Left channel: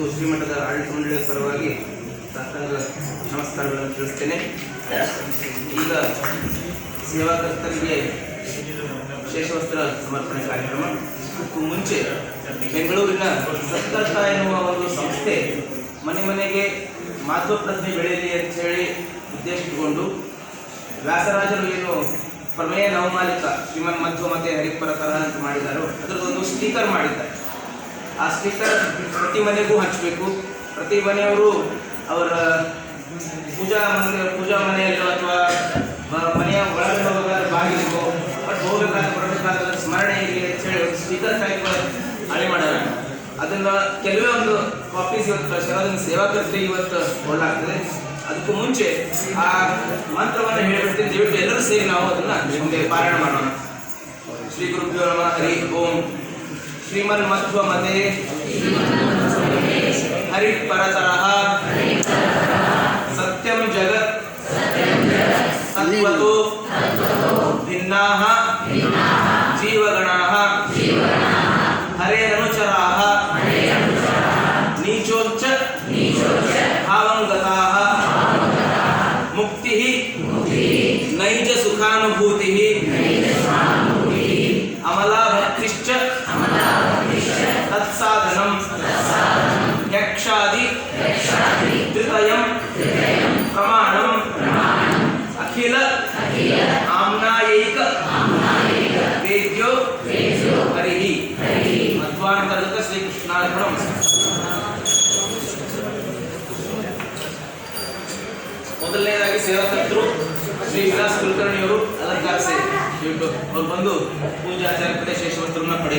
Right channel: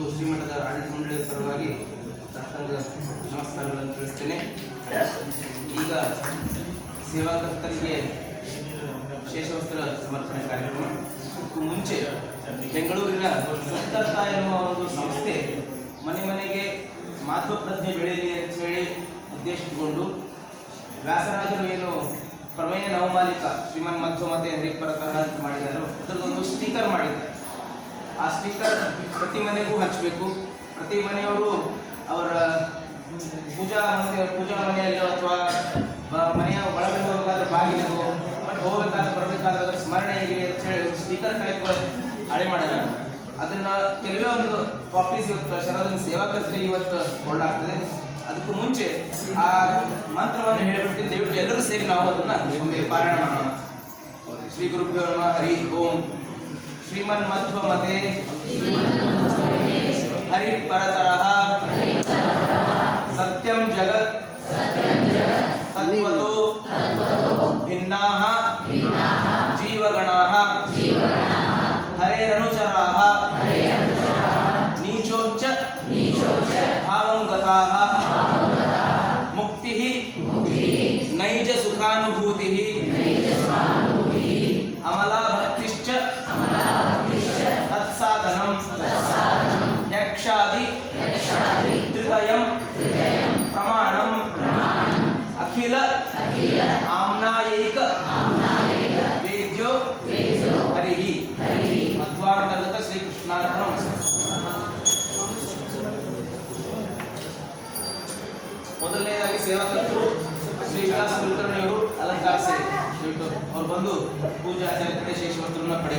ಮತ್ತು ಶ್ರೀಮಠದ ಆಡಳಿತ ಮಂಡಳಿಯ ಪರವಾಗಿ ನಮಸ್ಕಾರಗಳನ್ನು ತಿಳಿಸ್ತೇನೆ. ಈಗ ಸೇವಾಕರ್ತರಿಗೆ ಶೇಷವಸ್ತ್ರ ಸಮರ್ಪಣೆ ಕಾರ್ಯಕ್ರಮ. ಇದಕ್ಕೂ ಮುಂಚೆ ಬೆಂಗಳೂರಿನ ಸತ್ಕರ್ತ ಎನ್ನುವ ಒಂದು ಸಂಸ್ಥೆ ಮನೆ ಮನೆಗೆ ಮಾಧ್ವ ಪ್ರಜ್ಞೆ ಬೆಳೆಯಲಿ ಅಂತ ಹೇಳಿ ಉದ್ದೇಶಿಸಿಕೊಂಡು ವ್ಯಾಸರಾಜರು ಏನು ಪ್ರಮೇಯ ನವಮಾಲಿಕ ಶ್ರೀಮನ್ ಮಧ್ವ ಮತ್ತೆ ಹರಿಪರತರ ಅಂತ ಮಾಡಿದ್ದಾರೋ ಅದರದೊಂದು ಸ್ಟಿಕರ್ ಮಾಡಿದ್ದಾರೆ. ಆ ಸ್ಟಿಕರ್ ಪ್ರತಿ ಮನೆಗೂ ಹಂಚಬೇಕು. ಪ್ರತಿ ಮನೆಯವರು ಅವರ ಪೂಜಾ ಮನೆಯಲ್ಲೋ ಅಥವಾ ಮನೆಯ ಒಳಗಡೆ ಹೋಗಬೇಕಾದ್ರೆ ಬಾಗಿಲಿಗೋ ಬಟ್ ಹೋಗಬೇಕಾದ್ರೆ ಬರಬೇಕಾದ್ರೆ ಸ್ಮರಣೆ ಇರಲಿ ಅಂತ ಹೇಳಿ ಒಂದು ಸ್ಟಿಕರ್ ಟೈಪ್ ಹಳೆ ಮಾಡ್ಯಾರ. ಅದನ್ನು ಕೆಲವೇ ಒಂದು ಕಾಪೀಸ್ ಇವತ್ತು ಕಳಿಸ್ಯಾರ. ಅದನ್ನು ಸೇವಾಕರ್ತರಿಗೆ ಇವತ್ತು ಕೊಡಲಾಗ್ತದೆ. ಅದಕ್ಕೂ ಮುಂಚೆ ಆ ಮಂತ್ರವನ್ನು ಹೇಳ್ಬಿಡ್ತೀನಿ. ದಯವಿಟ್ಟು ಎಲ್ಲರೂ ಸೇರಿ ನಾವು ಅದನ್ನು ಮುಂದೆ ಪಾರಾಯಣ ಮಾಡೋಣ. ಶ್ರೀ ಗುರುಭ್ಯೋ ನಮಃ. ಹರಿ ಓಂ. ಶ್ರೀಮನ್ ಮಧ್ವ ಮತೆ ಹರಿ ಪರತರಃ ಸತ್ಯಂ ಜಗತ್ ತತ್ವತೋ ಭಿನ್ನಾಃ ಜೀವಗಣಾಃ ಹರೇರನುಚರಾಃ ನೀಚೋಚ್ಚ ಭಾವಂ ಗತಾಃ ಮುಕ್ತಿಃ ನೈಜ ಸುಖಾನುಭೂತಿಃ ಅಮಲಾ ಭಕ್ತಿಶ್ಚ ತತ್ಸಾಧನಂ ಯಕ್ಷಾದಿ ತ್ರಿತಯಂ ಪ್ರಮಾಣಂ ಅಖಿಲ ಆಮ್ನಾಯೈಕ ವೇದ್ಯೋ ಹರಿಹಿ. ಮಧ್ವಾಂತರ್ಗತ ಶ್ರೀಕೃಷ್ಣಾರ್ಪಣಂ. ಮೊದಲನೇದಾಗಿ ಸೇವಾಕರ್ತರು ಶ್ರೀ ವಿಲಾಸ್ ಕುಲಕರ್ಣಿಯವರು ಅಲಂಕಾರಿಸಿ ಅವ್ರು ಬಂದು ಪೂಜಾಚಾರ್ಯ ಕಡೆ ಶೇಷವಸ್ತ್ರವನ್ನು ಪಡೆಯ